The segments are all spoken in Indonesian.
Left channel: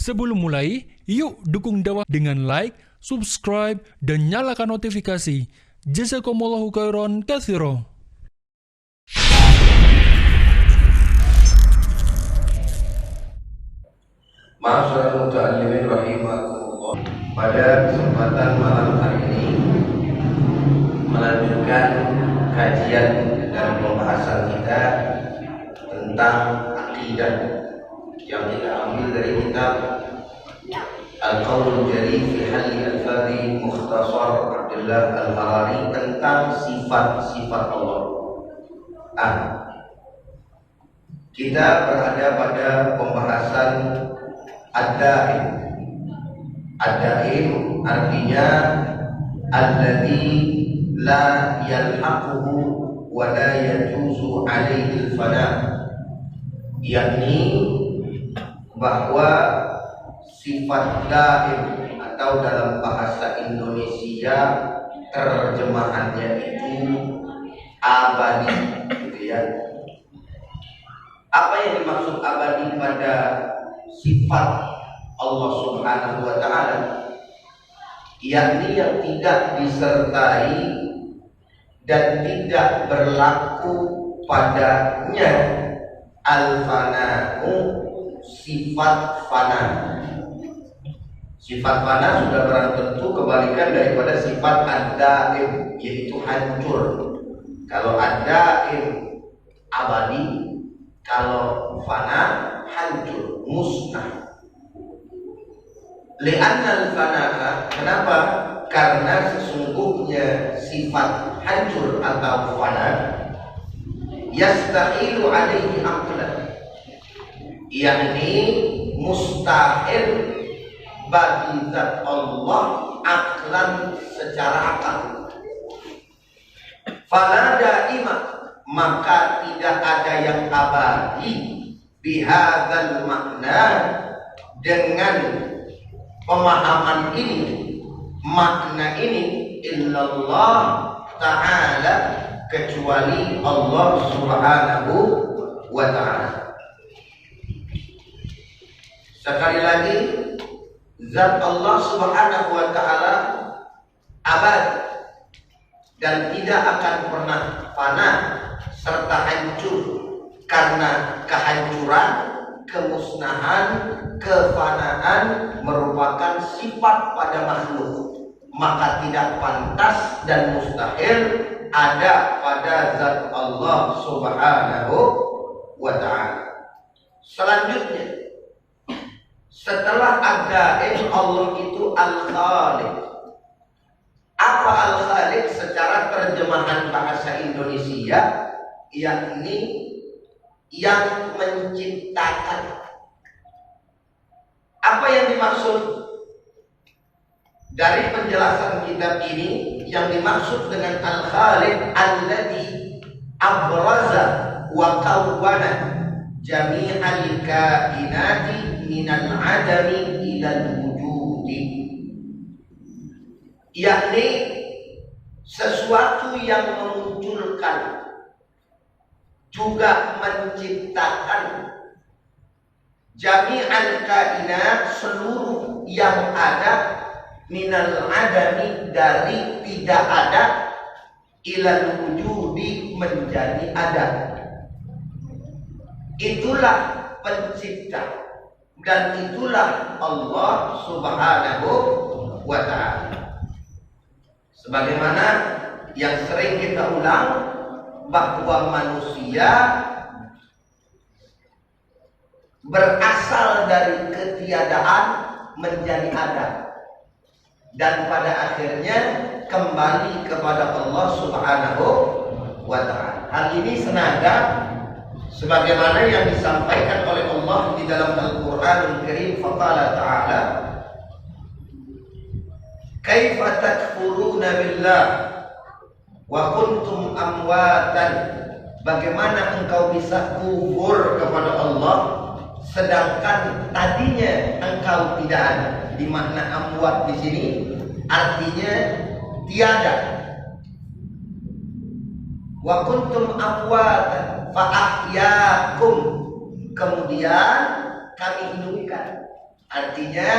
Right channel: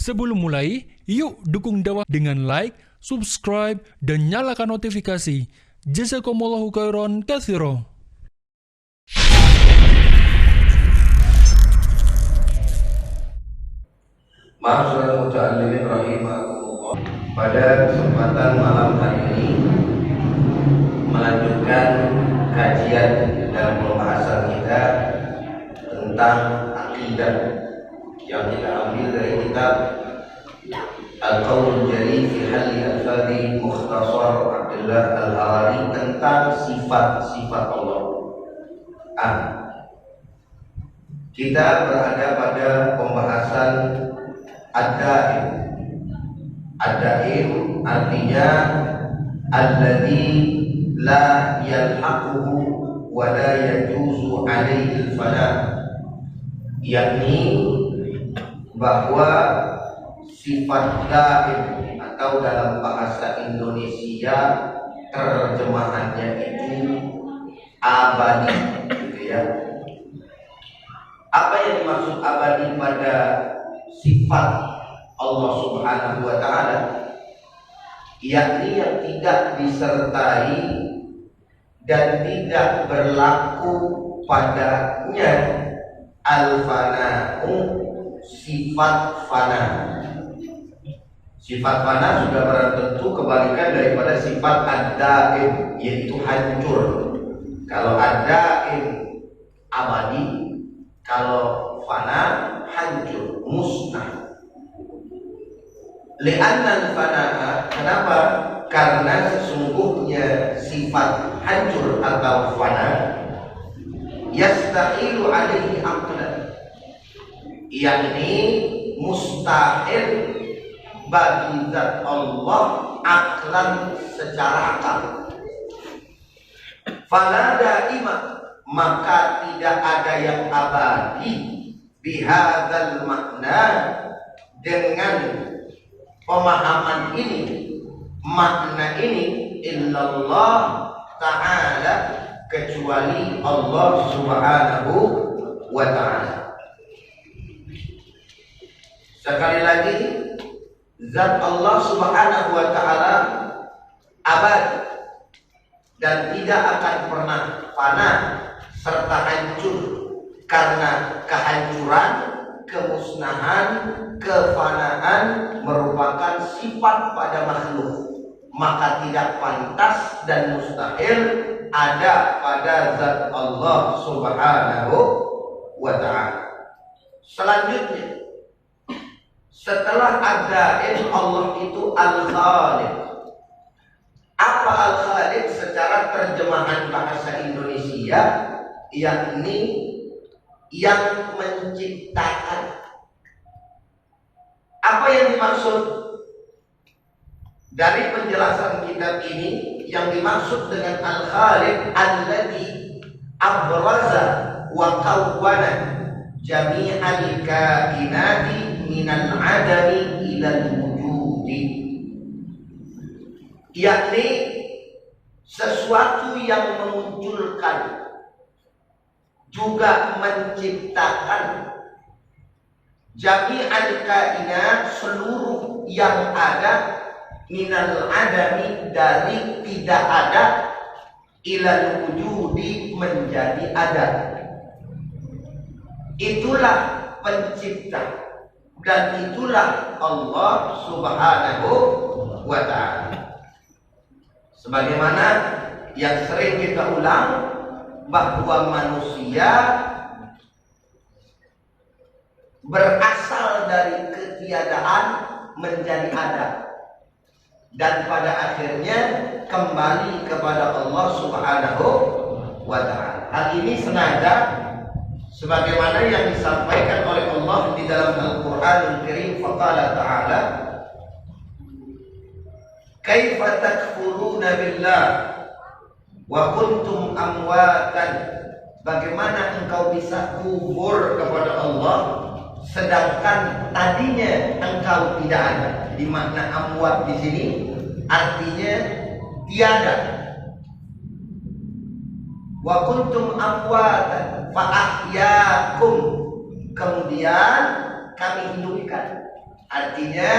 Sebelum mulai, yuk dukung dakwah dengan like, subscribe, dan nyalakan notifikasi. Jazakumullahu khairan katsira. Ma'asyiral muta'allimin rahimakumullah. Pada kesempatan malam hari ini melanjutkan kajian dan pembahasan kita tentang akidah yang kita ambil dari kitab Al-Qaulul Jari fi Halli Al-Fadhi Mukhtasar Abdullah Al-Harari tentang sifat-sifat Allah. Kita berada pada pembahasan Ad-Daim. Ad-Daim artinya alladzi la yalhaquhu wa la yajuzu alaihi al-fana, yakni bahwa sifat daim atau dalam bahasa Indonesia terjemahannya itu abadi, gitu ya. Apa yang dimaksud abadi pada sifat Allah Subhanahu wa ta'ala? Yakni yang tidak disertai dan tidak berlaku padanya al-fana'u, sifat fana. Sifat fana sudah barang tentu kebalikan daripada sifat ad-daim, yaitu hancur. Kalau ad-daim abadi, kalau fana hancur, musnah. Li'annal fana'a, kenapa? Karena sesungguhnya sifat hancur atau fana yastahilu alaihi aqlan, yakni mustahil bagi zat Allah aklan, secara akal. Fala daima, maka tidak ada yang abadi bihadzal makna, dengan pemahaman ini, makna ini, illallah ta'ala, kecuali Allah Subhanahu wa ta'ala. Sekali lagi, zat Allah Subhanahu wa ta'ala abadi dan tidak akan pernah fana serta hancur, karena kehancuran, kemusnahan, kefanaan merupakan sifat pada makhluk, maka tidak pantas dan mustahil ada pada zat Allah Subhanahu wa ta'ala. Selanjutnya, setelah ada Allah itu Al-Khaliq. Apa Al-Khaliq secara terjemahan bahasa Indonesia? Yakni yang menciptakan. Apa yang dimaksud dari penjelasan kitab ini? Yang dimaksud dengan Al-Khaliq alladzi abraza wa kawwana jami'al kainati minal adami ilal wujudi, yakni sesuatu yang memunculkan juga menciptakan jami'al kainat, seluruh yang ada, minal adami, dari tidak ada, ilal wujudi, menjadi ada. Itulah pencipta dan itulah Allah Subhanahu wa ta'ala. Sebagaimana yang sering kita ulang, bahwa manusia berasal dari ketiadaan menjadi ada, dan pada akhirnya kembali kepada Allah Subhanahu wa ta'ala. Hal ini senada sebagaimana yang disampaikan oleh Allah di dalam Al-Qur'anul Karim. Faqala ta'ala, kaifa takfuruna billah wa kuntum amwatan, bagaimana engkau bisa kufur kepada Allah sedangkan tadinya engkau tidak ada. Di makna amwat di sini artinya tiada. Wa kuntum fa ahyaakum, kemudian kami hidupkan. Artinya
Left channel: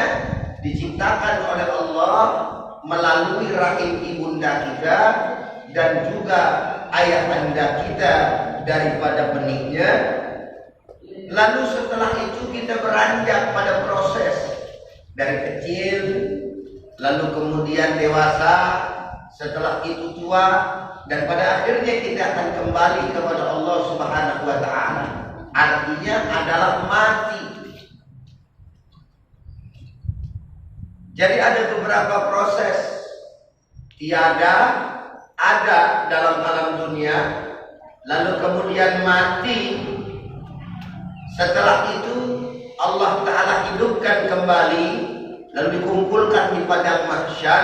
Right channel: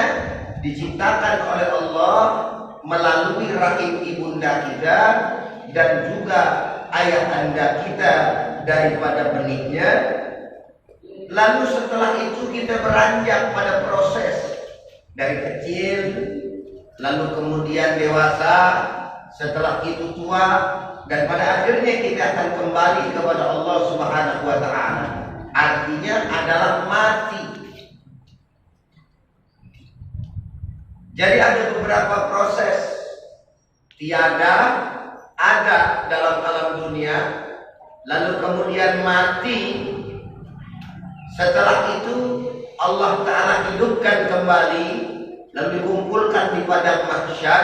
diciptakan oleh Allah melalui rahim ibunda kita dan juga ayah anda kita daripada benihnya. Lalu setelah itu kita beranjak pada proses dari kecil, lalu kemudian dewasa, setelah itu tua, dan pada akhirnya kita akan kembali kepada Allah Subhanahu wa Ta'ala. Artinya adalah mati. Jadi ada beberapa proses tiada, ada dalam alam dunia, lalu kemudian mati. Setelah itu Allah Ta'ala hidupkan kembali, lalu dikumpulkan di padang mahsyar.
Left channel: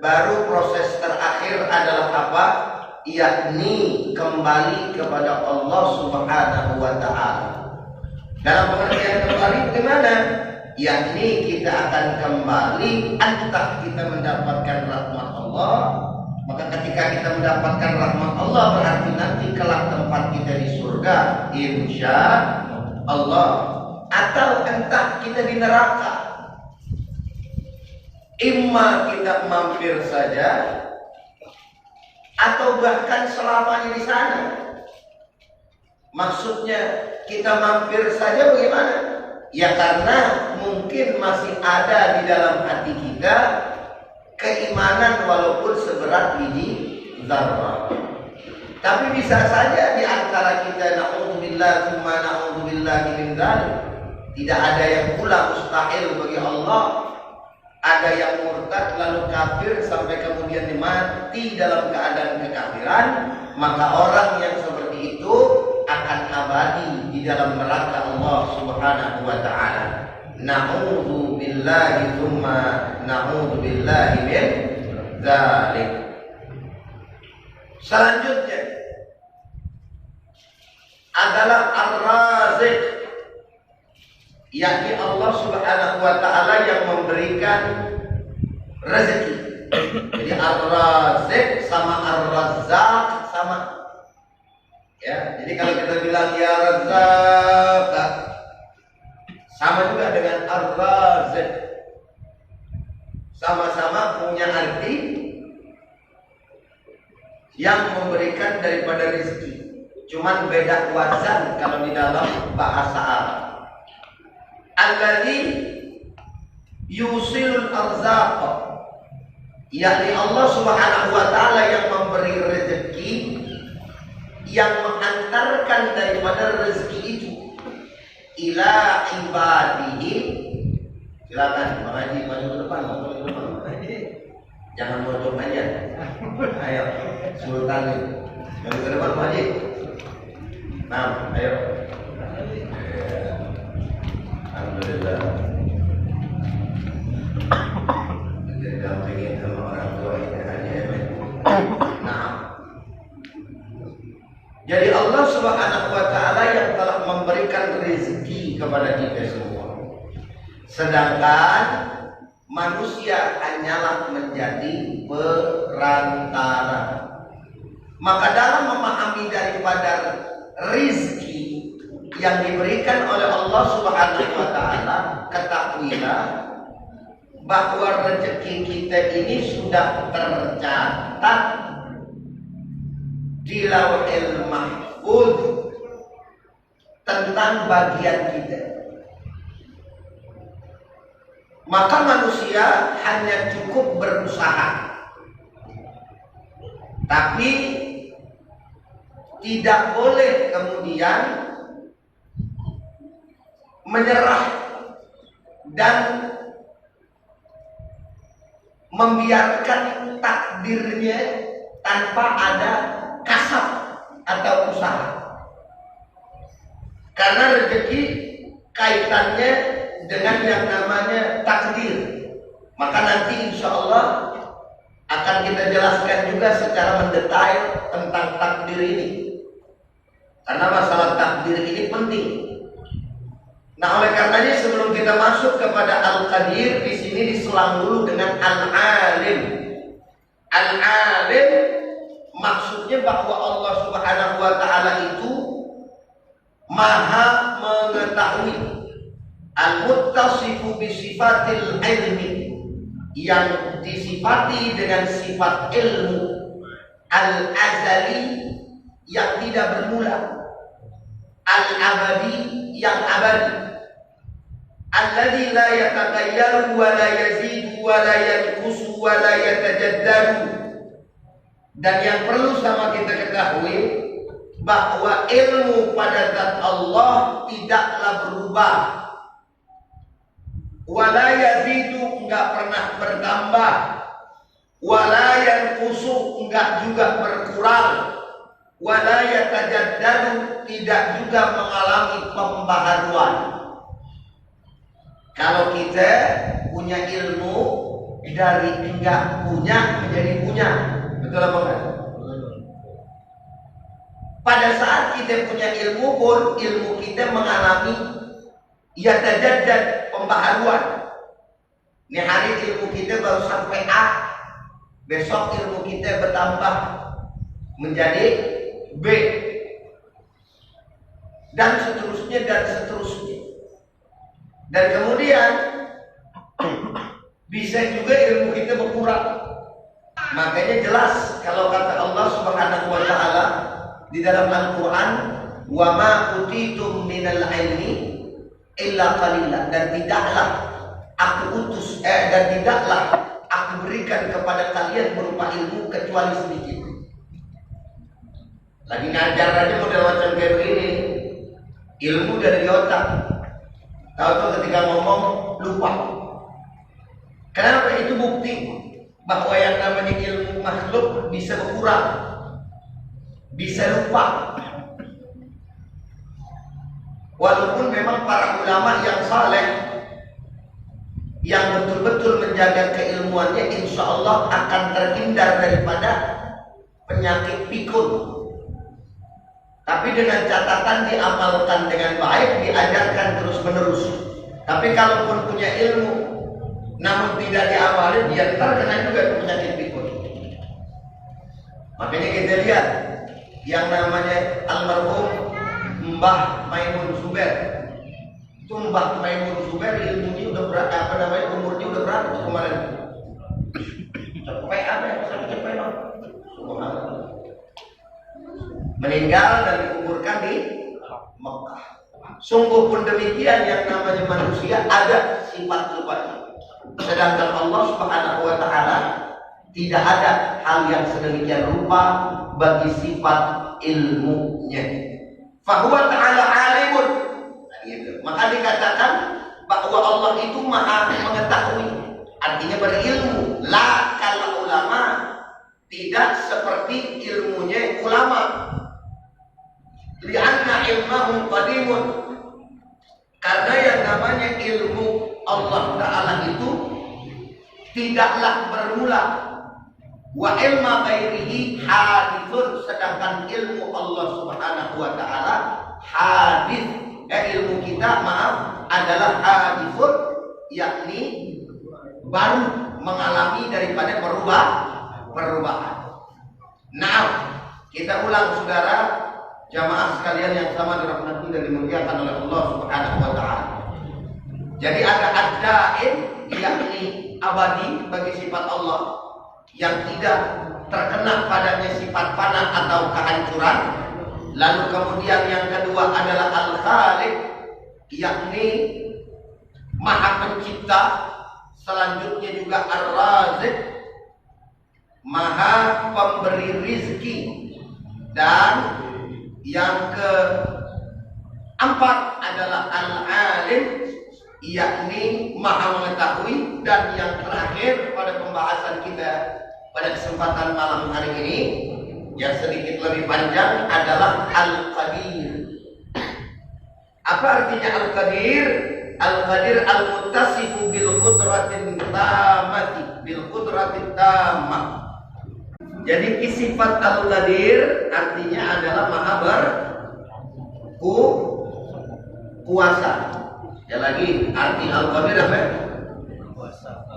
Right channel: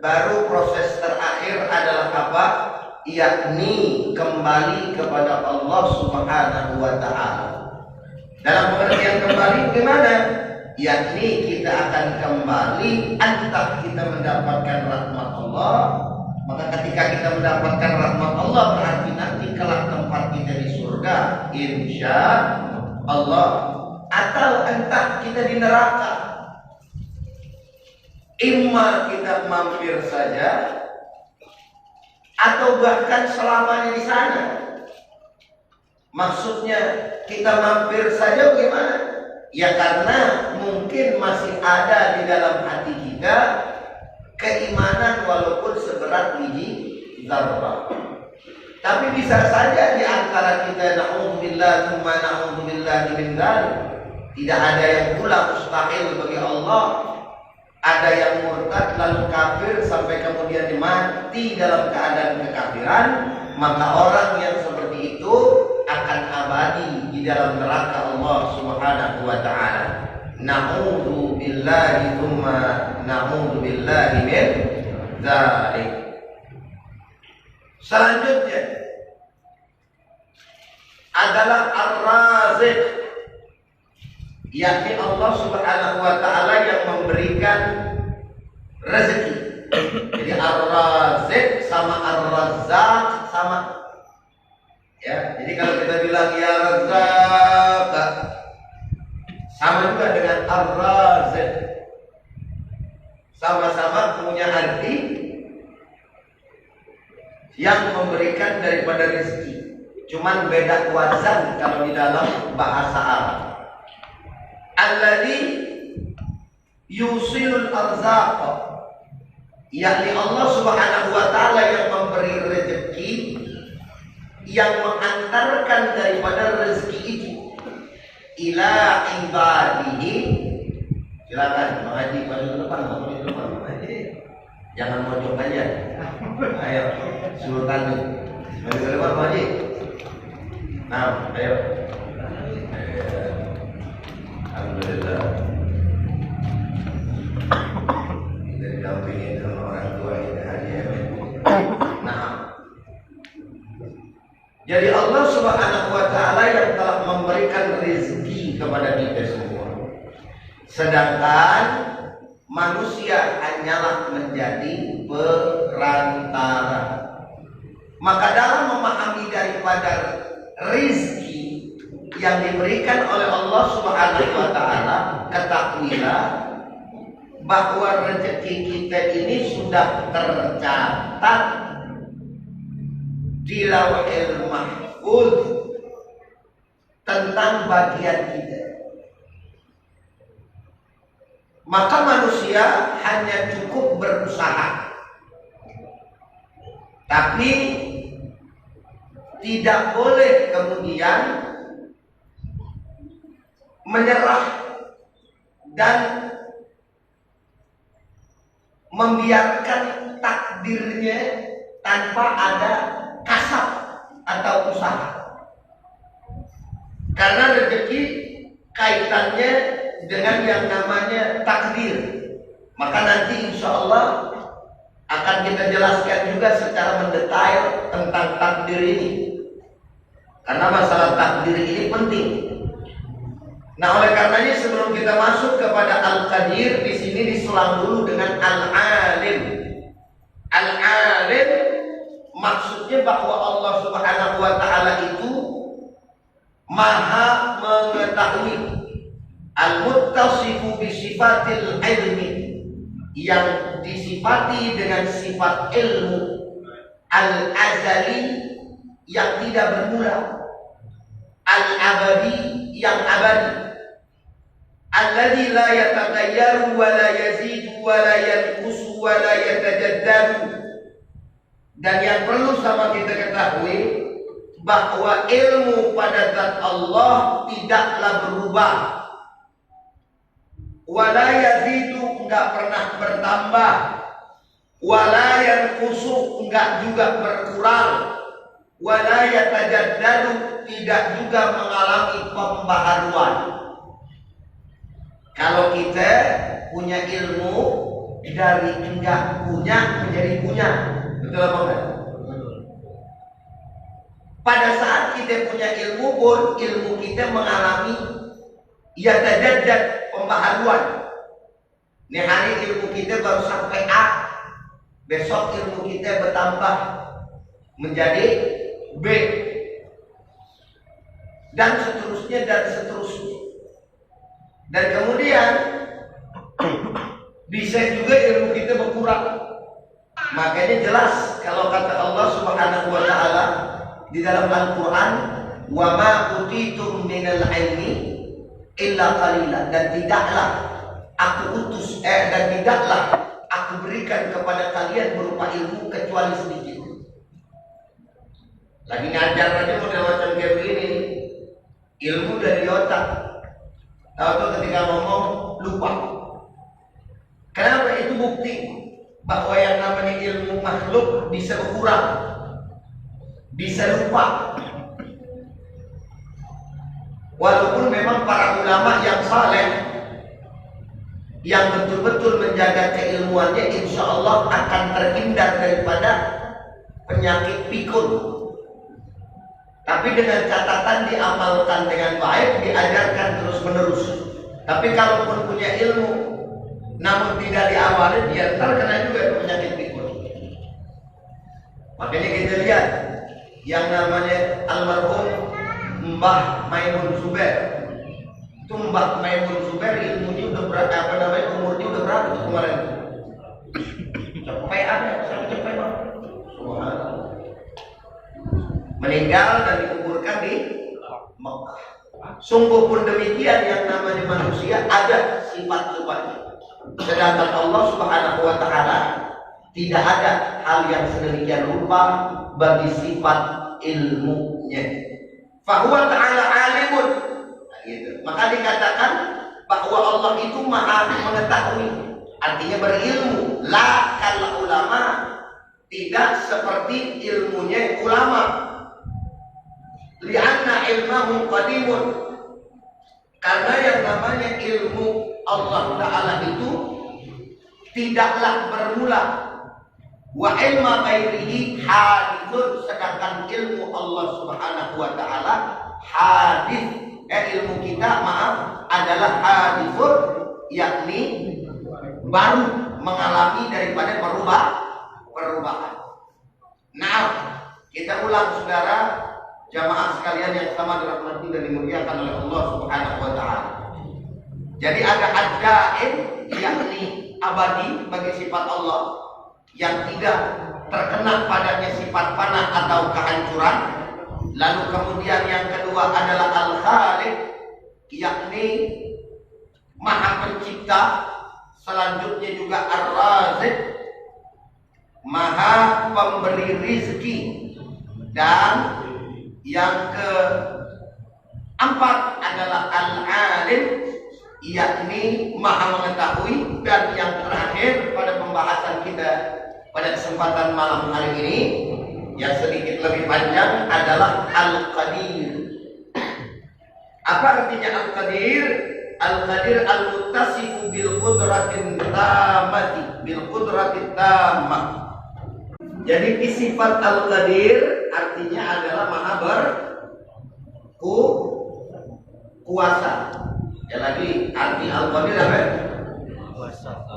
Baru proses terakhir adalah apa? Yakni kembali kepada Allah Subhanahu wa Ta'ala. Dalam pengertian kembali gimana? Yakni kita akan kembali entah kita mendapatkan rahmat Allah. Maka ketika kita mendapatkan rahmat Allah berarti nanti kelak tempat kita di surga, insya Allah. Atau entah kita di neraka. Imma kita mampir saja atau bahkan selamanya di sana. Maksudnya kita mampir saja bagaimana? Ya karena mungkin masih ada di dalam hati kita keimanan walaupun seberat biji zarrah. Tapi bisa saja di antara kita na'udzubillah tsumma na'udzubillah min dzalik. Tidak ada yang pula mustahil bagi Allah. Ada yang murtad lalu kafir sampai kemudian mati dalam keadaan kekafiran, maka orang yang seperti itu akan abadi di dalam neraka Allah Subhanahu wa Ta'ala. Na'udzu billahi tsumma na'udzu billahi min dzalik. Selanjutnya adalah Ar-Razik, yakni Allah Subhanahu wa Ta'ala yang memberikan rezeki. Jadi Ar-Razik sama Ar-Razzaq sama. Ya, jadi kalau kita bilang ya Razzaq sama juga dengan Ar-Razik. Sama-sama punya arti yang memberikan daripada rezeki. Cuman beda wazan kalau di dalam bahasa Arab. Alladzi yusilul arzaq, yakni Allah Subhanahu wa Ta'ala yang memberi rezeki, yang mengantarkan daripada rezeki itu ila ibadihi. Silakan Bang Haji maju ke depan, maju ke depan Bang Haji. Jangan mojok aja. Ayo Sultan maju ke depan Bang Haji. Nah, ayo. Alhamdulillah. Jadi dampingin sama orang tua ini aja ya. Nah. Jadi Allah Subhanahu wa Ta'ala yang telah memberikan rezeki kepada kita semua. Sedangkan manusia hanyalah menjadi perantara. Maka dalam memahami daripada rezeki yang diberikan oleh Allah Subhanahu wa Ta'ala, ketahuilah bahwa rezeki kita ini sudah tercatat di Lauhil Mahfuz tentang bagian kita. Maka manusia hanya cukup berusaha, tapi tidak boleh kemudian menyerah dan membiarkan takdirnya tanpa ada kasab atau usaha. Karena rezeki kaitannya dengan yang namanya takdir. Maka nanti insya Allah akan kita jelaskan juga secara mendetail tentang takdir ini. Karena masalah takdir ini penting. Nah, oleh karenanya sebelum kita masuk kepada Al-Qadir, di sini diselang dulu dengan Al-Alim. Al-Alim maksudnya bahwa Allah Subhanahu wa Ta'ala itu maha mengetahui. al-muttasifu bisifatil ilmi, yang disifati dengan sifat ilmu, al-azali, yang tidak bermula, al-abadi, yang abadi, alladzi la yataghayyaru wa la yazidu wa la yanqusu wa la yatajaddadu. Dan yang perlu sama kita ketahui bahwa ilmu pada zat Allah tidaklah berubah, wala yazidu, enggak pernah bertambah, wala yanqusu, enggak juga berkurang, wala yatajaddadu, tidak juga mengalami pembaharuan. Kalau kita punya ilmu dari enggak punya menjadi punya, betul apa enggak? Pada saat kita punya ilmu pun, ilmu kita mengalami yatajaddad, pembaharuan. Ini hari ilmu kita baru sampai A, besok ilmu kita bertambah menjadi B, dan seterusnya dan seterusnya. Dan kemudian bisa juga ilmu kita berkurang. Makanya jelas kalau kata Allah Subhanahu wa taala di dalam Al-Qur'an, wa ma utitum minal ilmi illa qalila, dan tidaklah aku utus dan tidaklah aku berikan kepada kalian berupa ilmu kecuali sedikit. Lagi ngajar aja model macam kayak begini, ilmu dari otak, tahu-tahu ketika ngomong lupa. Kenapa? Itu bukti bahwa yang namanya ilmu makhluk bisa berkurang, bisa lupa. Walaupun memang para ulama yang saleh, yang betul-betul menjaga keilmuannya, insya Allah akan terhindar daripada penyakit pikun. Tapi dengan catatan diamalkan dengan baik, diajarkan terus-menerus. Tapi kalaupun punya ilmu, namun tidak diamalin, dia terkena juga penyakit pikun. Makanya kita lihat yang namanya almarhum Mbah Maimun Zubair. Itu Mbah Maimun Zubair ilmunya udah berapa, umurnya udah berapa tuh kemarin? Sampai ada, sampai Bang. Subhanallah. Meninggal dan dikuburkan di Mekah. Sungguh pun demikian, yang namanya manusia ada sifat lupanya. Sedangkan Allah Subhanahu wa taala tidak ada hal yang sedemikian rupa bagi sifat ilmunya. Fahuwa ta'ala alimun. Gitu. Maka dikatakan bahwa Allah itu maha mengetahui, artinya berilmu. La kal ulama, tidak seperti ilmunya ulama. Lianna ilmahu qadimun, karena yang namanya ilmu Allah Ta'ala itu tidaklah bermula. Wa ilma ghairihi hadithun, sedangkan ilmu Allah Subhanahu wa taala hadith, ilmu kita adalah hadithun, yakni baru mengalami daripada perubahan. Nah, kita ulang saudara jamaah sekalian yang sama dirahmati dan dimuliakan oleh Allah Subhanahu wa taala. Jadi ada ad-daim, yakni abadi bagi sifat Allah, yang tidak terkena padanya sifat fana atau kehancuran. Lalu kemudian yang kedua adalah al-khaliq, yakni maha pencipta. Selanjutnya juga ar-razik, maha pemberi rizki. Dan yang keempat adalah al-alim, yakni maha mengetahui. Dan yang terakhir pada pembahasan kita pada kesempatan malam hari ini yang sedikit lebih panjang adalah al-qadir. Apa artinya al-qadir? Al-qadir al-muttasifu bil qudratin tamati, bil qudratin tamah. Jadi sifat al-qadir artinya adalah maha berkuasa. Ya lagi arti al-qadir apa?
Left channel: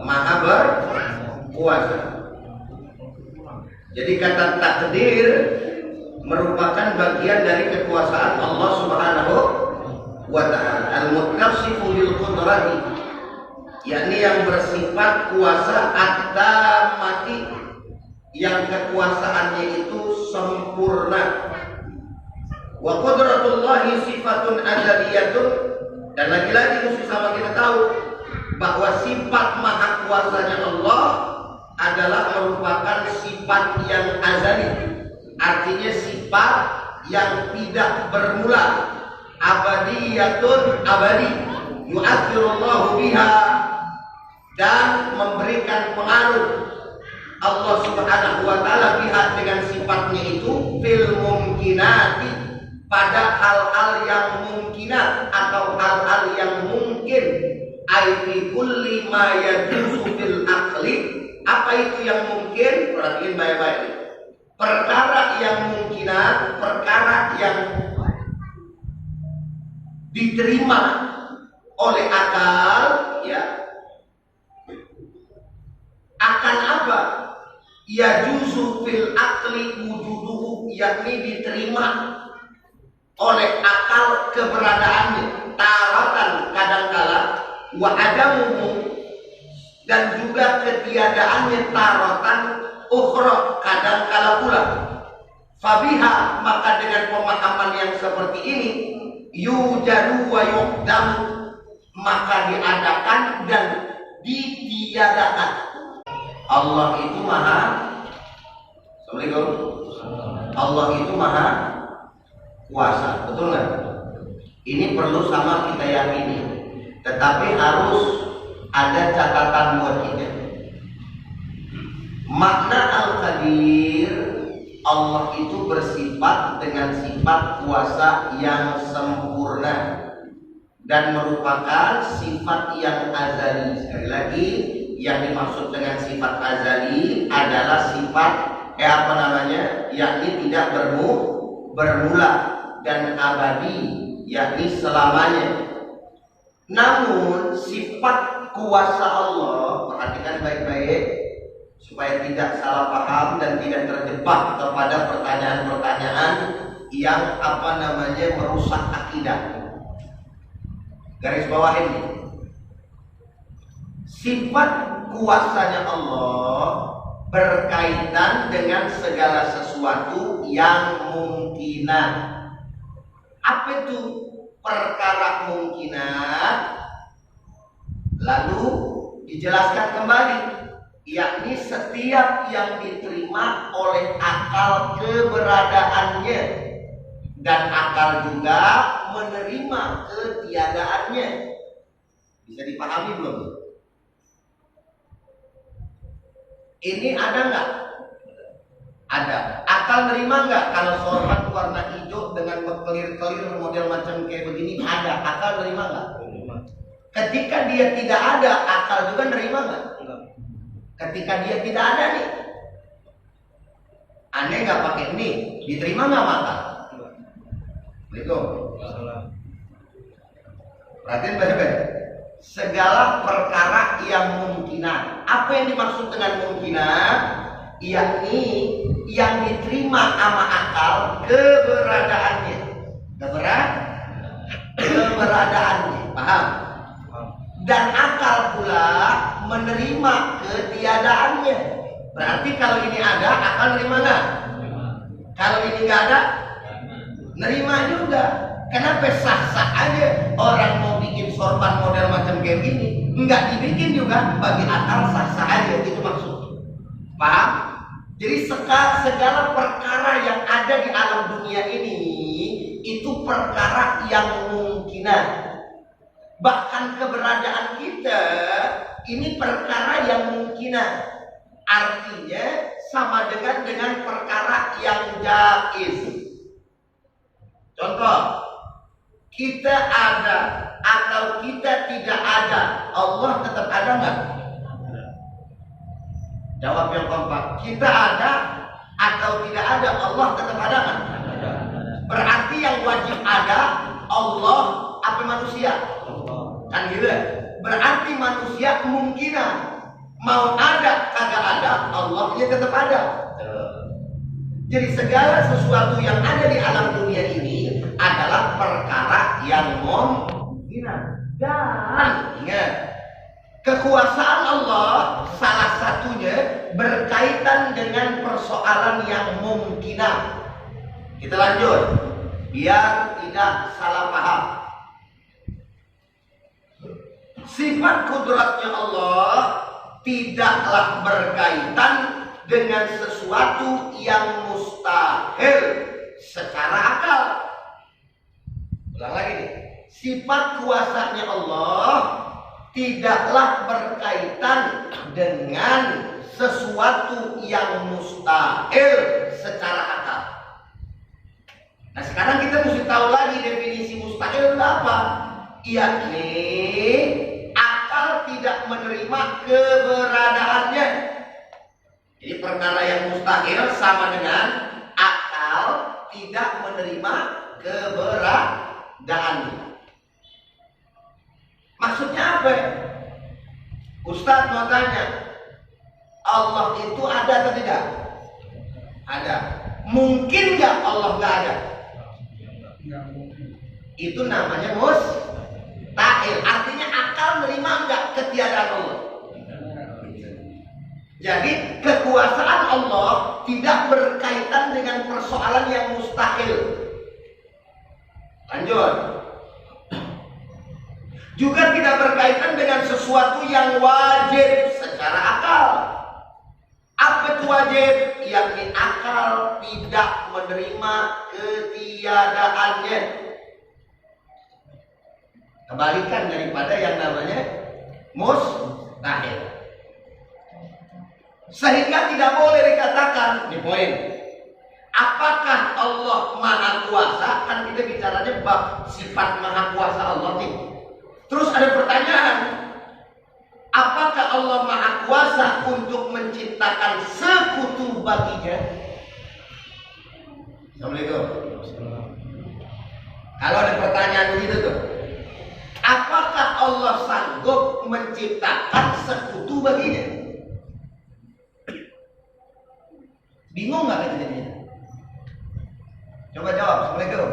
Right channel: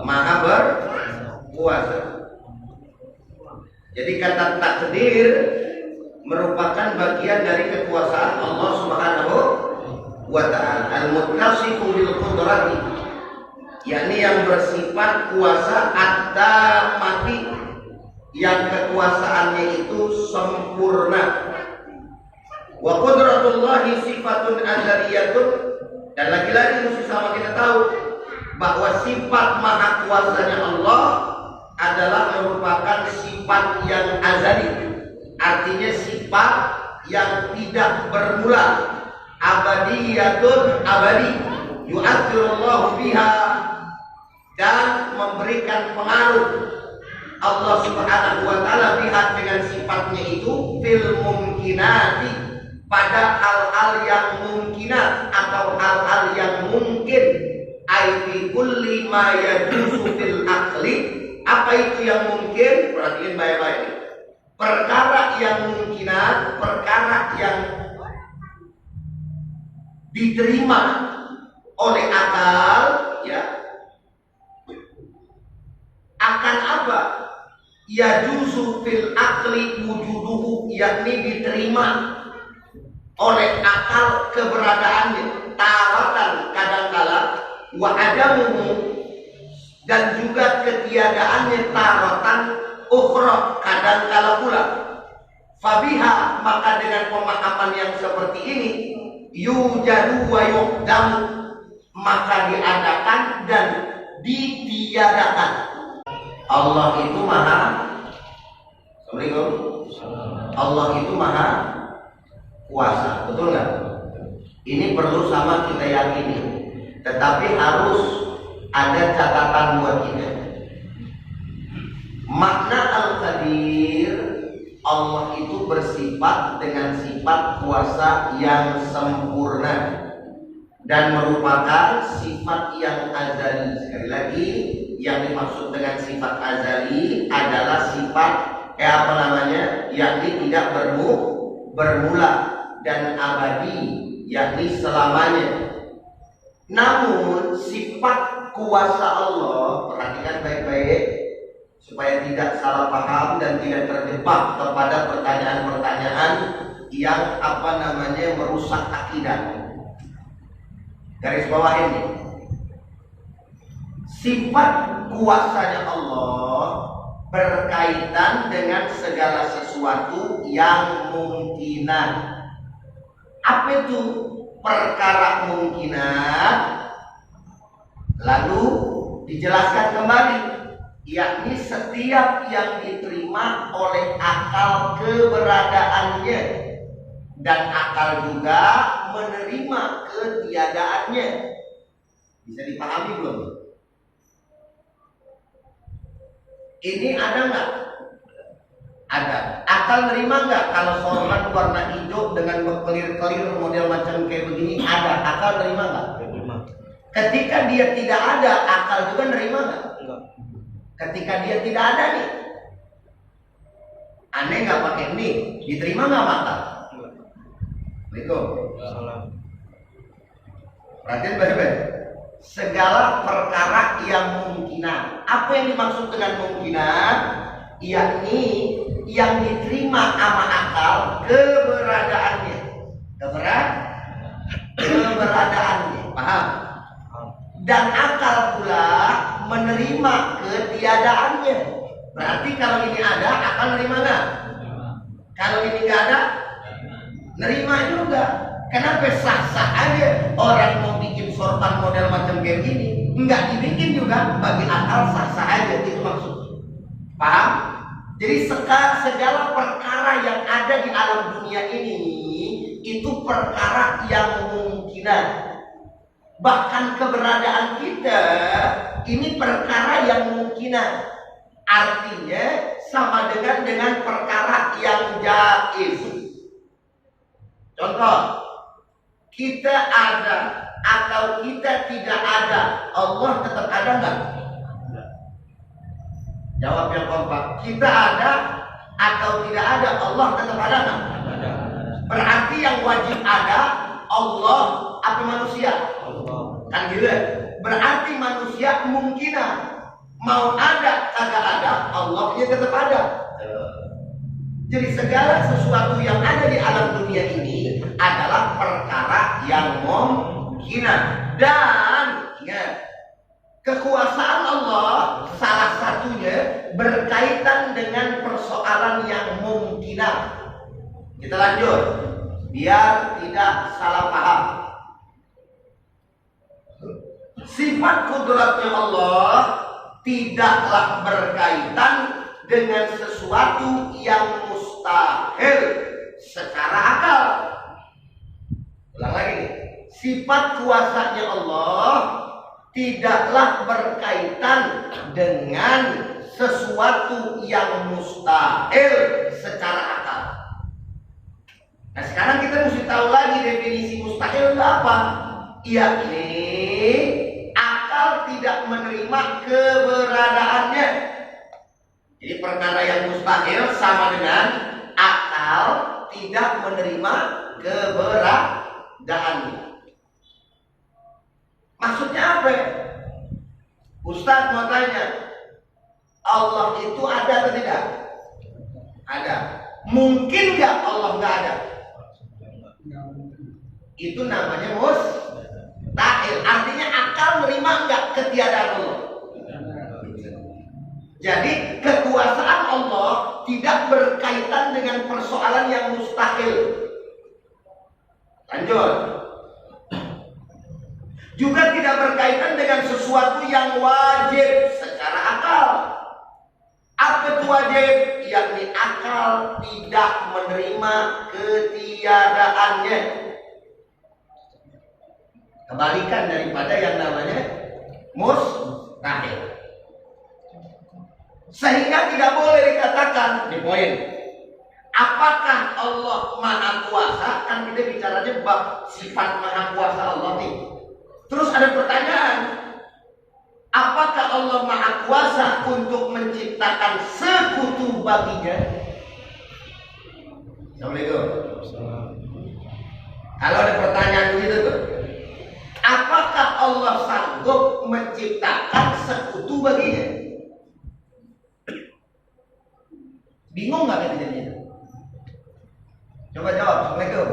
Maha berkuasa. Jadi kata takdir merupakan bagian dari kekuasaan Allah Subhanahu wa ta'ala. Al-muttasifu bil qudrati, yakni yang bersifat kuasa at-tammati, yang kekuasaannya itu sempurna. Wa qudratullahi sifatun azaliyatun, dan lagi-lagi mesti sama kita tahu bahwa sifat maha kuasanya Allah adalah merupakan sifat yang azali, artinya sifat yang tidak bermula, abadiyatun, abadi, yu'athirullahu biha, dan memberikan pengaruh Allah subhanahu wa ta'ala biha, dengan sifatnya itu, fil mumkinati, pada hal-hal yang mungkinat atau hal-hal yang mungkin, ai fi kulli ma yajuzu fil aqli. Apa itu yang mungkin? Perhatiin baik-baik. Perkara yang mungkinat, perkara yang diterima oleh akal, ya, akan apa? Yajuzu fil aqli wujuduhu, yakni diterima oleh akal keberadaannya, taratan kadangkala, wa adamuhu, dan juga ketiadaannya, taratan ukhra kadangkala pula. Fabiha, maka dengan pemahaman yang seperti ini, yujadu wa yuqdamu, maka diadakan dan ditiadakan. Allah itu maha, Assalamualaikum, Allah itu maha kuasa, betul nggak? Ini perlu sama kita yakini, tetapi harus ada catatan buat kita. Makna al-qadir, Allah itu bersifat dengan sifat kuasa yang sempurna dan merupakan sifat yang azali. Sekali lagi, yang dimaksud dengan sifat azali adalah sifat yakni tidak bermula dan abadi, yakni selamanya. Namun sifat kuasa Allah, perhatikan baik-baik supaya tidak salah paham dan tidak terjebak kepada pertanyaan-pertanyaan yang merusak akidah. Garis bawah ini, sifat kuasanya Allah berkaitan dengan segala sesuatu yang mungkinan. Apa itu perkara mungkinat? Lalu dijelaskan kembali, yakni setiap yang diterima oleh akal keberadaannya, dan akal juga menerima ketiadaannya. Bisa dipahami belum? Ini ada nggak? Ada. Akal nerima nggak kalau sorban warna hijau dengan berkelir-kelir model macam kayak begini? Ada. Akal nerima nggak? Ketika dia tidak ada, akal juga nerima nggak? Ketika dia tidak ada nih, aneh nggak pakai ini, diterima nggak mata? Assalamualaikum. Perhatian baik-baik. Segala perkara yang mumkinan. Apa yang dimaksud dengan mumkinan? Yakni yang diterima sama akal keberadaannya. Keberadaannya. Paham? Dan akal pula menerima ketiadaannya. Berarti kalau ini ada, akal nerima nggak? Kalau ini nggak ada, nerima juga. Kenapa sah-sah aja orang mau bikin sorban model macam kayak gini? Nggak dibikin juga, bagi akal sah-sah aja, itu maksudnya. Paham? Jadi segala perkara yang ada di alam dunia ini itu perkara yang mungkinan. Bahkan keberadaan kita ini perkara yang mungkinan. Artinya sama dengan perkara yang jaiz. Contoh, kita ada atau kita tidak ada, Allah tetap ada nggak? Jawab yang kompak. Kita ada atau tidak ada, Allah tetap ada nggak? Berarti yang wajib ada Allah apa manusia? Kan gitu. Berarti manusia kemungkinan mau ada kagak ada, Allahnya tetap ada. Jadi segala sesuatu yang ada di alam dunia ini adalah perkara yang mungkin. Dan ingat, kekuasaan Allah salah satunya berkaitan dengan persoalan yang mungkin. Kita lanjut biar tidak salah paham. Sifat kudratnya Allah tidaklah berkaitan dengan sesuatu yang mustahil secara akal. Ulang lagi nih. Sifat kuasanya Allah tidaklah berkaitan dengan sesuatu yang mustahil secara akal. Nah, sekarang kita mesti tahu lagi definisi mustahil itu apa? Yakni akal tidak menerima keberadaannya. Jadi perkara yang mustahil sama dengan akal tidak menerima keberadaannya. Maksudnya apa? Ustadz mau tanya, Allah itu ada atau tidak? Ada. Mungkin nggak Allah nggak ada? Itu namanya mustahil. Artinya akal menerima nggak ketiadaan Allah. Jadi kekuasaan Allah tidak berkaitan dengan persoalan yang mustahil. Lanjut. Juga tidak berkaitan dengan sesuatu yang wajib secara akal. Apa itu wajib? Yakni akal tidak menerima ketiadaannya. Kebalikan daripada yang namanya mustahil. Sehingga tidak boleh dikatakan, ini poin, apakah Allah Maha Kuasa? Kan kita bicaranya bab sifat Maha Kuasa Allah nih. Terus ada pertanyaan, apakah Allah Maha Kuasa untuk menciptakan sekutu baginya? Assalamualaikum. Kalau ada pertanyaan begitu tuh, apakah Allah sanggup menciptakan sekutu baginya? Bingung nggak kita jadinya? Coba jawab. Assalamualaikum.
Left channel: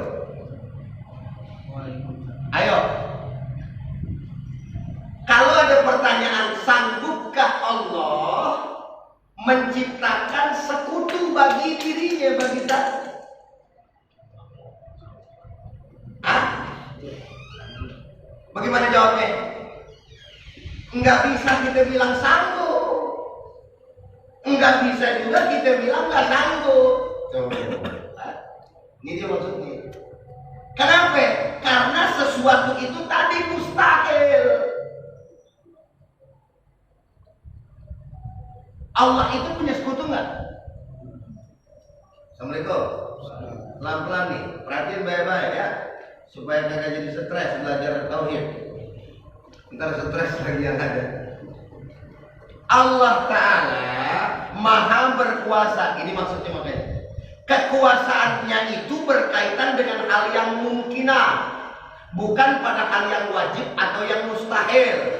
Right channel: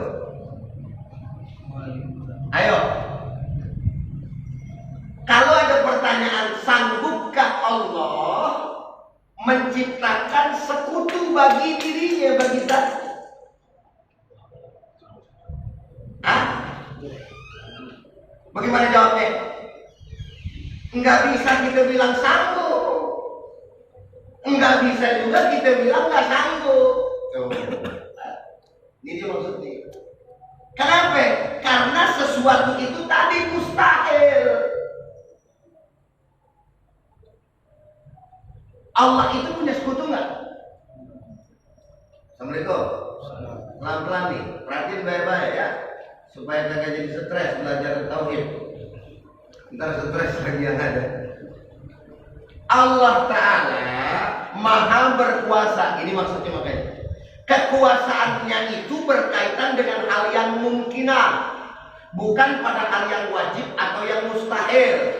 Ayo. Kalau ada pertanyaan, sanggupkah Allah menciptakan sekutu bagi dirinya, bagi zat? Bagaimana jawabnya? Enggak bisa kita bilang sanggup. Enggak bisa juga kita bilang enggak sanggup. Ini dia maksudnya. Kenapa? Karena sesuatu itu tadi mustahil. Allah itu punya sekutu enggak? Assalamualaikum. Pelan-pelan nih, perhatiin baik-baik ya, supaya kagak jadi stres belajar tauhid. Ntar stres lagi yang ada. Allah Ta'ala Maha berkuasa. Ini maksudnya makanya. Kekuasaannya itu berkaitan dengan hal yang mungkinah, bukan pada hal yang wajib atau yang mustahil.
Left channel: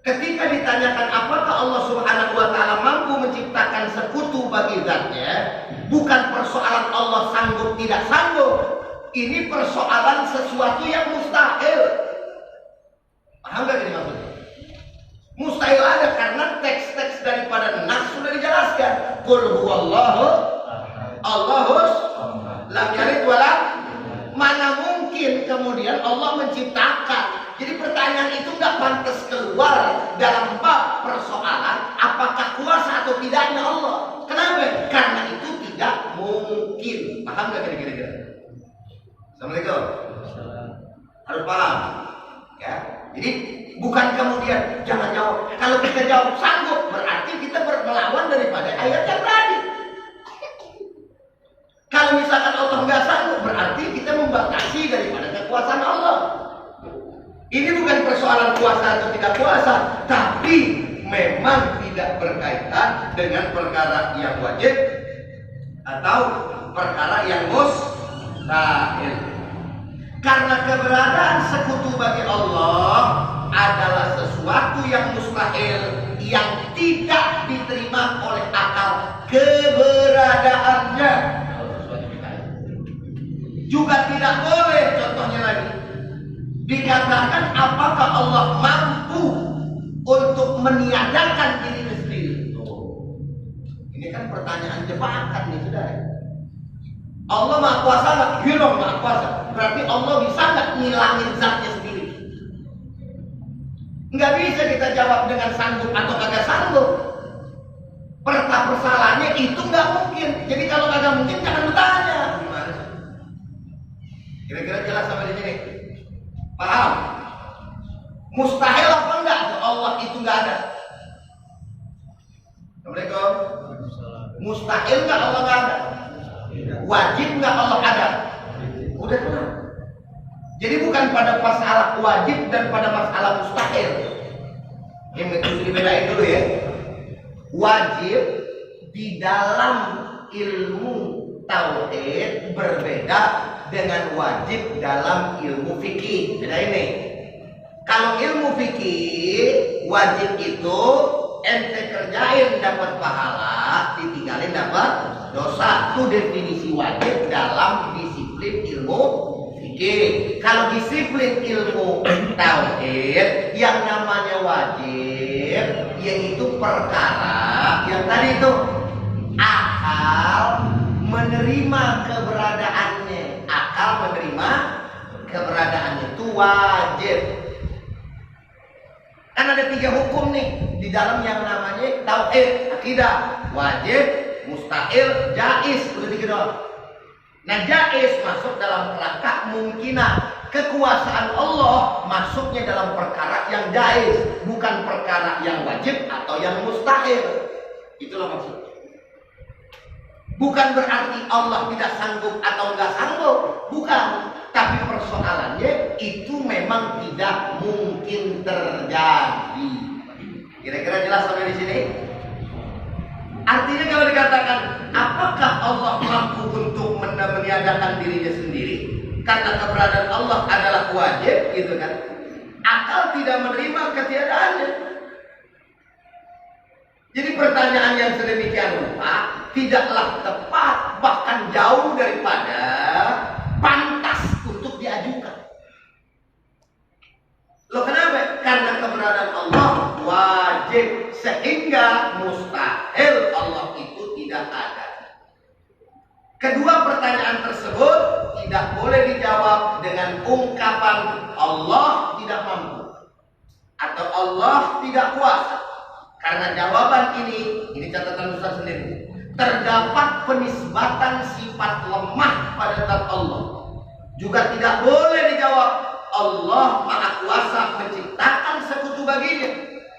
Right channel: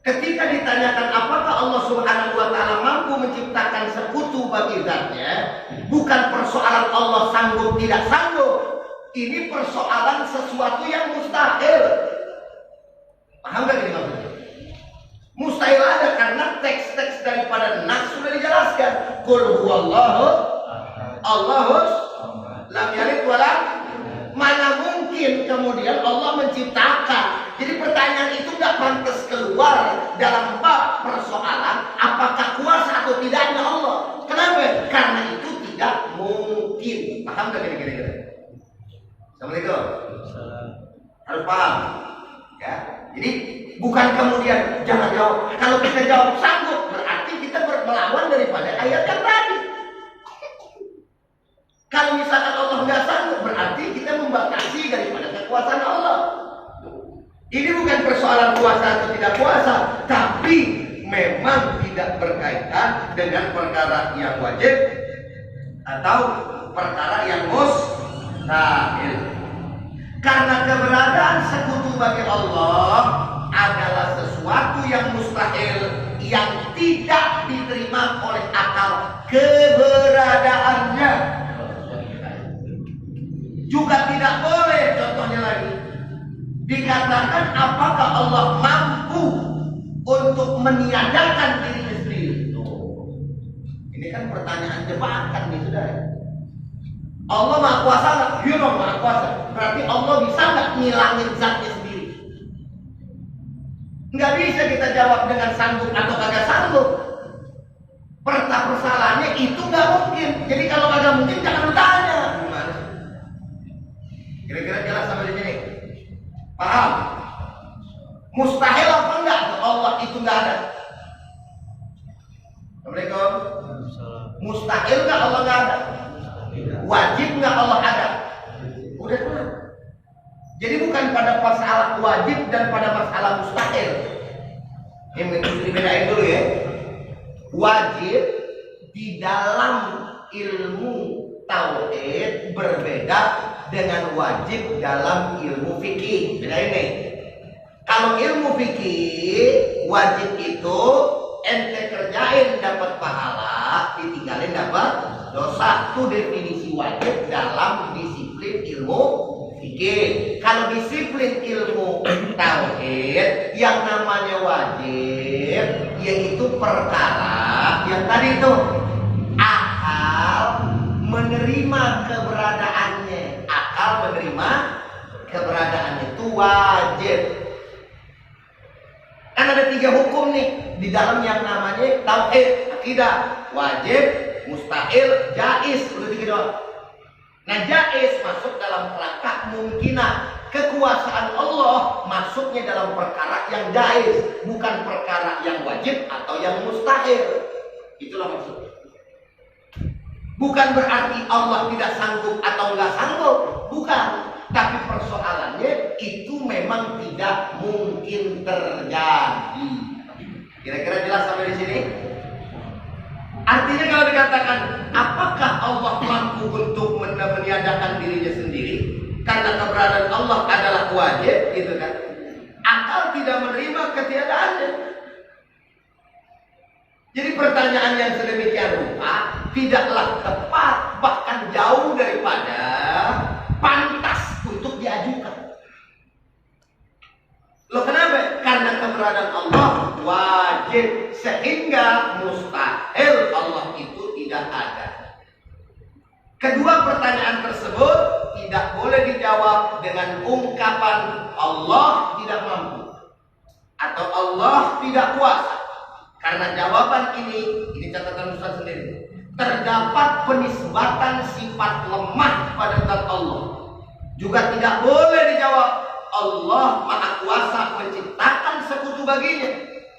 Ketika ditanyakan apakah Allah Subhanahu wa Ta'ala mampu menciptakan sekutu bagi zatnya, bukan persoalan Allah sanggup tidak sanggup. Ini persoalan sesuatu yang mustahil. Paham gak ini maksudnya? Mustahil ada karena teks-teks daripada nas sudah dijelaskan. Qul huwallahu Allahus lam yalid walam. Mana mungkin kemudian Allah menciptakan? Jadi pertanyaan itu nggak pantas keluar dalam bab persoalan apakah kuasa atau tidaknya Allah. Kenapa? Karena itu tidak mungkin. Paham nggak kira-kira? Assalamualaikum. Harus paham. Ya. Jadi bukan kemudian jangan jawab. Kalau kita jawab sanggup, berarti kita melawan daripada ayat yang tadi. Kalau misalkan Allah nggak sanggup, berarti kita membatasi daripada kekuasaan Allah. Ini bukan persoalan kuasa atau tidak kuasa, tapi memang tidak berkaitan dengan perkara yang wajib atau perkara yang mustahil. Karena keberadaan sekutu bagi Allah adalah sesuatu yang mustahil, yang tidak diterima oleh akal keberadaannya. Juga tidak boleh, contohnya lagi, dikatakan apakah Allah mampu untuk meniadakan dirinya sendiri. Ini kan pertanyaan jebakan nih, saudara. Allah Maha Kuasa nggak? Iya dong, Maha Kuasa. Berarti Allah bisa nggak ngilangin zatnya sendiri? Nggak bisa kita jawab dengan sanggup atau kagak sanggup. Persalahannya itu nggak mungkin. Jadi kalau kagak mungkin jangan bertanya. Gimana sih? Kira-kira jelas sampai di sini? Paham? Mustahil apa enggak? Allah itu nggak ada. Assalamualaikum. Mustahil nggak Allah nggak ada? Wajib nggak Allah ada? Udah kelar. Jadi bukan pada masalah wajib dan pada masalah mustahil. Ini harus dibedain dulu ya. Wajib di dalam ilmu tauhid berbeda dengan wajib dalam ilmu fikih. Beda ini. Kalau ilmu fikih wajib itu ente kerjain dapat pahala, ditinggalin dapat dosa. Itu definisi wajib dalam disiplin ilmu fikih. Kalau disiplin ilmu tauhid yang namanya wajib yaitu perkara yang tadi itu akal menerima keberadaannya. Akal menerima keberadaannya itu wajib. Kan ada 3 hukum nih di dalam yang namanya tauhid, akidah, wajib, mustahil, jaiz. Udah 3 doang. Nah, jaiz masuk dalam kerangka mungkinan. Kekuasaan Allah masuknya dalam perkara yang jaiz, bukan perkara yang wajib atau yang mustahil. Itulah maksudnya. Bukan berarti Allah tidak sanggup atau nggak sanggup, bukan. Tapi persoalannya itu memang tidak mungkin terjadi. Kira-kira jelas sampai di sini? Artinya kalau dikatakan apakah Allah mampu untuk meniadakan dirinya sendiri karena keberadaan Allah adalah wajib, gitu kan? Akal tidak menerima ketiadaannya. Jadi pertanyaan yang sedemikian rupa tidaklah tepat, bahkan jauh daripada pantas untuk diajukan. Loh kenapa? Karena keberadaan Allah wajib, sehingga mustahil Allah itu tidak ada. Kedua pertanyaan tersebut tidak boleh dijawab dengan ungkapan Allah tidak mampu atau Allah tidak kuasa. Karena jawaban ini catatan Ustaz sendiri, terdapat penisbatan sifat lemah pada zat Allah. Juga tidak boleh dijawab Allah Maha Kuasa menciptakan sekutu baginya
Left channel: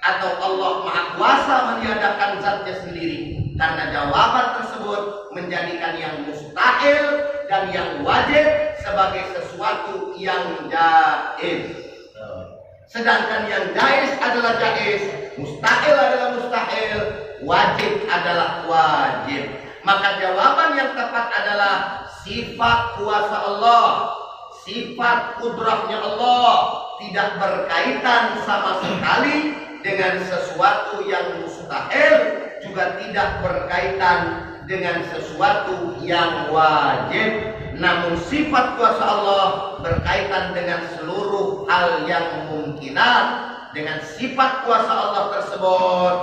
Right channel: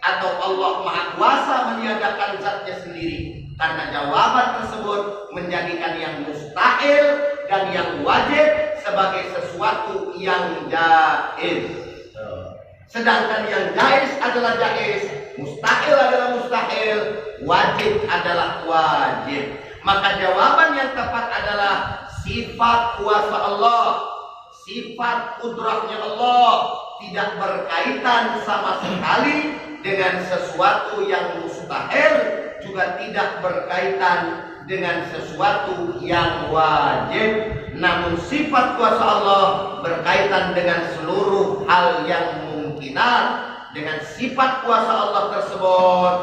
atau Allah Maha Kuasa meniadakan zatnya sendiri. Karena jawaban tersebut menjadikan yang mustahil dan yang wajib sebagai sesuatu yang jaiz. Sedangkan yang jaiz adalah jaiz, mustahil adalah mustahil, wajib adalah wajib. Maka jawaban yang tepat adalah sifat kuasa Allah, sifat kudrahnya Allah tidak berkaitan sama sekali dengan sesuatu yang mustahil, juga tidak berkaitan dengan sesuatu yang wajib. Namun sifat kuasa Allah berkaitan dengan seluruh hal yang mungkinan. Dengan sifat kuasa Allah tersebut,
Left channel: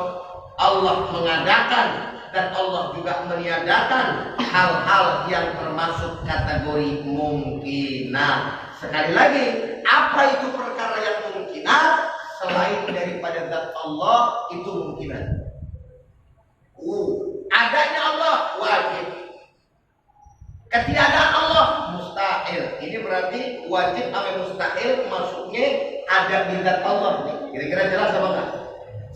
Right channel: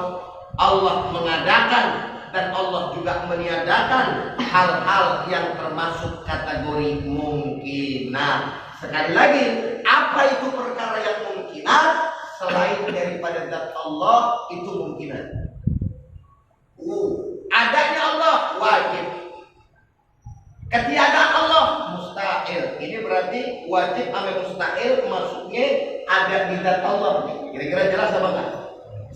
Allah mengadakan dan Allah juga meniadakan hal-hal yang termasuk kategori mungkinan. Sekali lagi, apa itu perkara yang mungkinan? Selain daripada zat Allah itu mungkinan. Adanya Allah wajib, ketiadaan Allah mustahil. Ini berarti wajib sama mustahil masuknya ada di zat Allah. Kira-kira jelas apa enggak?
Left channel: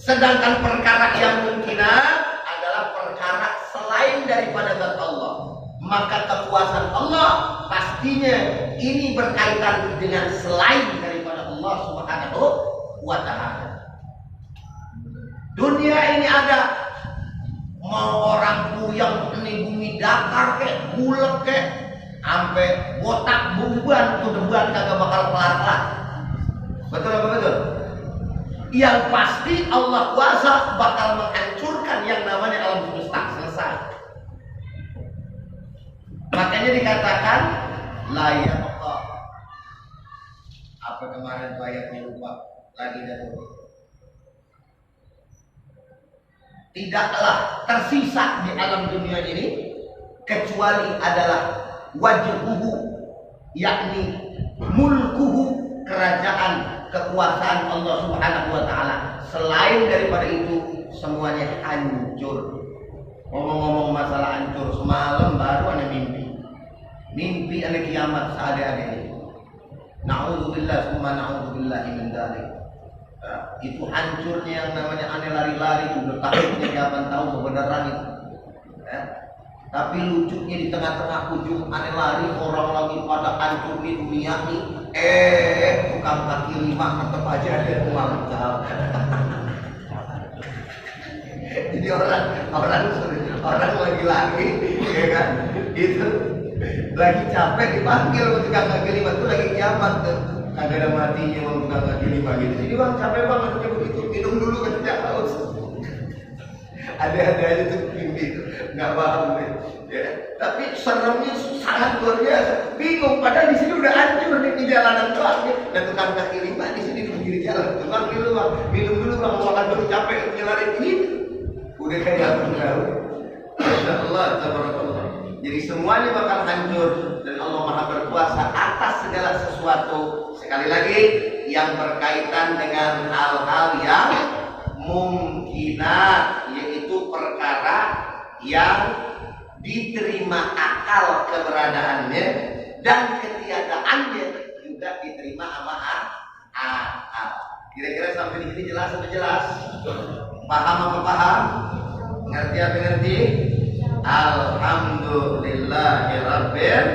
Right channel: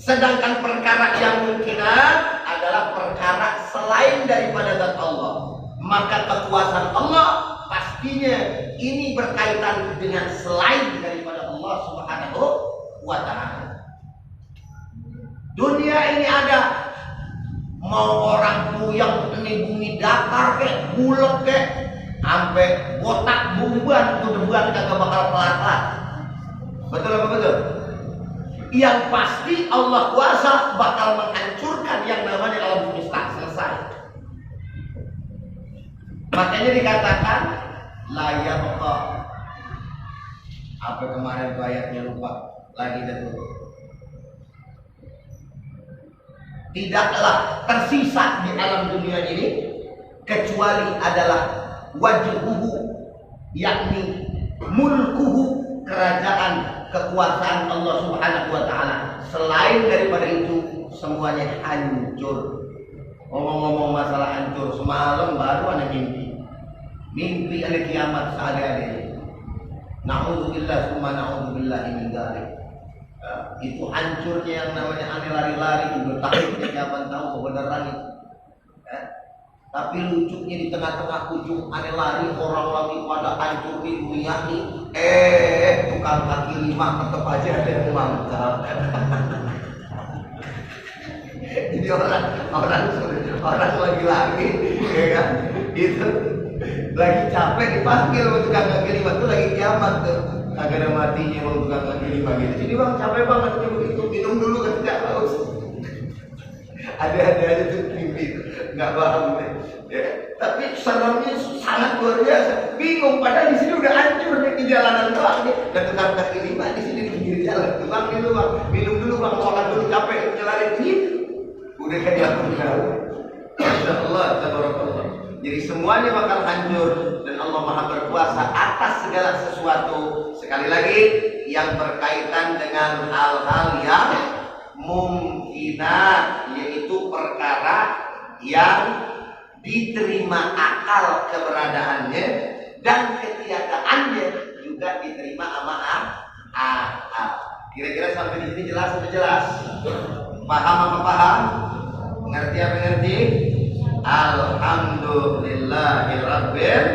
Sedangkan perkara yang mungkinan adalah perkara selain daripada zat Allah. Maka kekuasaan Allah pastinya ini berkaitan dengan selain daripada Allah Subhanahu wa ta'ala. Dunia ini ada, mau orang puyeng ini bumi datar kek, bulet kek, sampai botak bumbuan tuh debuan kagak bakal kelar-kelar. Betul apa betul? Yang pasti Allah kuasa bakal menghancurkan yang namanya alam semesta, selesai. Makanya dikatakan la yabqa. Apa kemarin tuh ayatnya lupa lagi dah tuh. Tidaklah tersisa di alam dunia ini kecuali adalah wajhuhu, yakni mulkuhu, kerajaan kekuasaan Allah Subhanahu wa taala. Selain daripada itu semuanya hancur. Ngomong-ngomong masalah hancur, semalam baru ada mimpi ada kiamat seadanya. Na'udzubillah summa na'udzubillah min dzalik. Itu hancurnya yang namanya aneh lari-lari, udah takutnya kapan tahu kebenaran itu. Tapi lucunya di tengah-tengah ujung aneh lari, orang lagi pada hancur di dunia nih. Tukang kaki lima tetap aja ada yang mangkal. Jadi orang lagi lari, ya kan? Itu lagi capek dipanggil sama tukang kaki lima, itu lagi kiamat tuh. Kagak ada matinya mau tukang kaki lima gitu. Jadi bang capek banget kayak begitu, minum dulu ketika haus. Ada aja tuh mimpi itu, nggak paham deh. Ya. Tapi seremnya sangat luar biasa. Bingung, padahal di sini udah hancur nih di jalanan doang nih. Dan tukang kaki lima di sini di pinggir jalan. Tukang dulu bang, minum dulu bang, mau makan dulu capek nyelarin gitu. Udah kayak apa tahu. Masya Allah, tabarakallah. Jadi semuanya bakal hancur dan Allah Maha berkuasa atas segala sesuatu. Sekali lagi yang berkaitan dengan hal-hal yang mungkinat, yaitu perkara yang diterima akal keberadaannya dan ketiadaannya juga diterima sama akal. Kira-kira sampai di sini jelas atau jelas? Paham apa paham? Ngerti apa ngerti? Alhamdulillahirabbil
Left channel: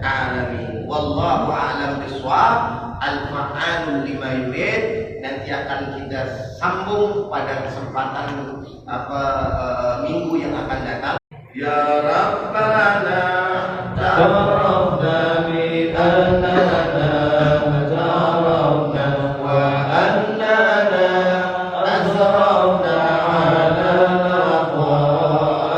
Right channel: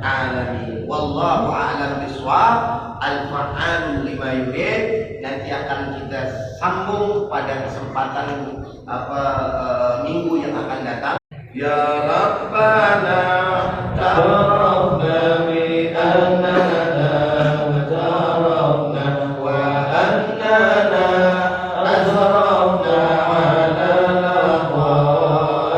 alamin. Wallahu a'lam bishawab. Al-fa'alul lima yurid. Nanti akan kita sambung pada kesempatan minggu yang akan datang. Ya Rabbana ta'arrafna bi annana ta'arrafna wa annana azrafna ala laqwa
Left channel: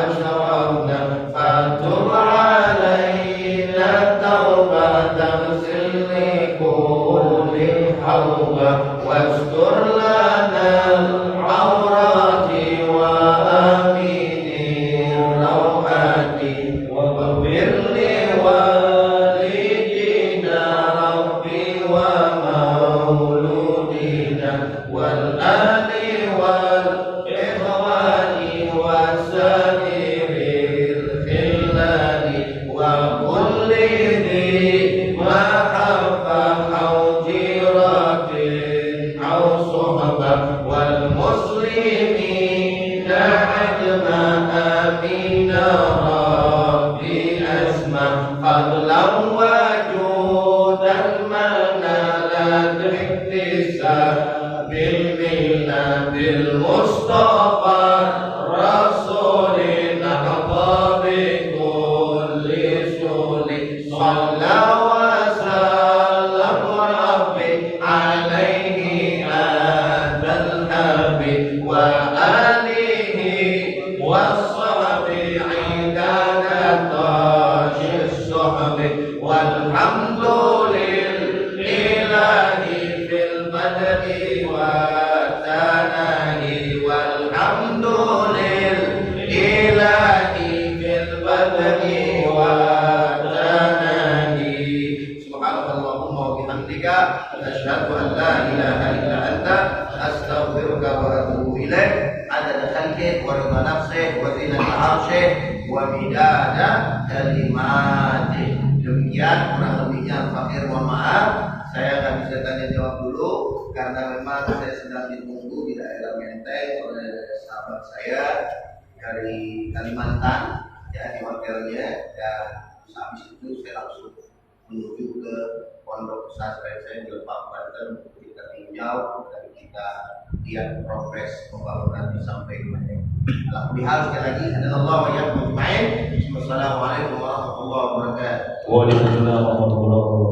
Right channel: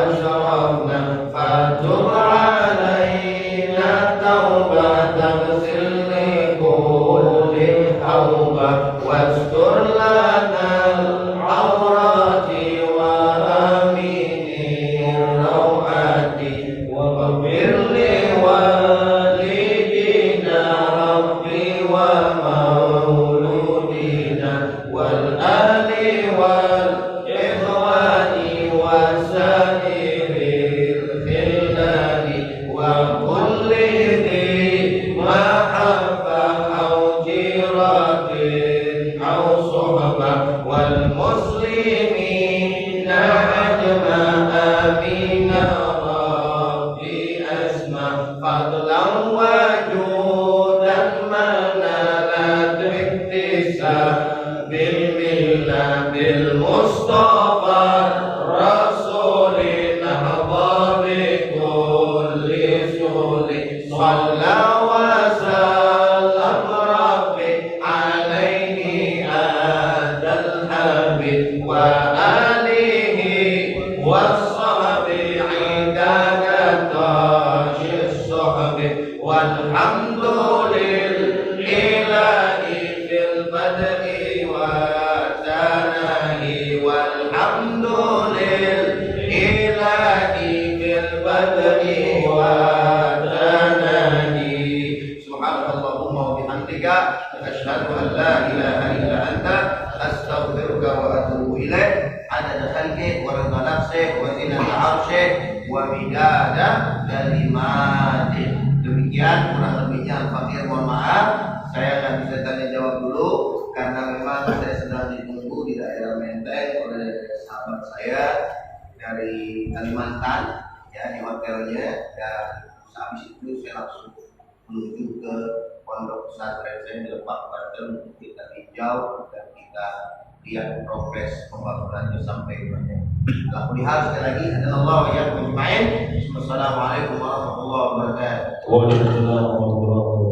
ashrafna fatub alayna taubatan silli kulli hawba wastur lana al-awrati wa asyhadu an la ilaha illa anta astaghfiruka wa atubu ilaik adada khalqik wa ridha nafsik wa zinata arsyik wa midada kalimatih. Demikian kurang lebihnya Al-Fakir, mohon maaf saya nggak bisa tanya jawab dulu karena memang saya sedang ditunggu di daerah Menteng oleh sahabat saya dari Kalimantan ya di hotelnya, dan habis itu saya langsung menuju ke pondok pesantren saya di Lebak, Banten untuk kita tinjau dan kita lihat progres pembangunannya sampai mana. Alhamdulillah sekali lagi Allah wa iyyakum ajma'in. Wassalamualaikum warahmatullahi wabarakatuh. Waalaikumsalam warahmatullahi wabarakatuh.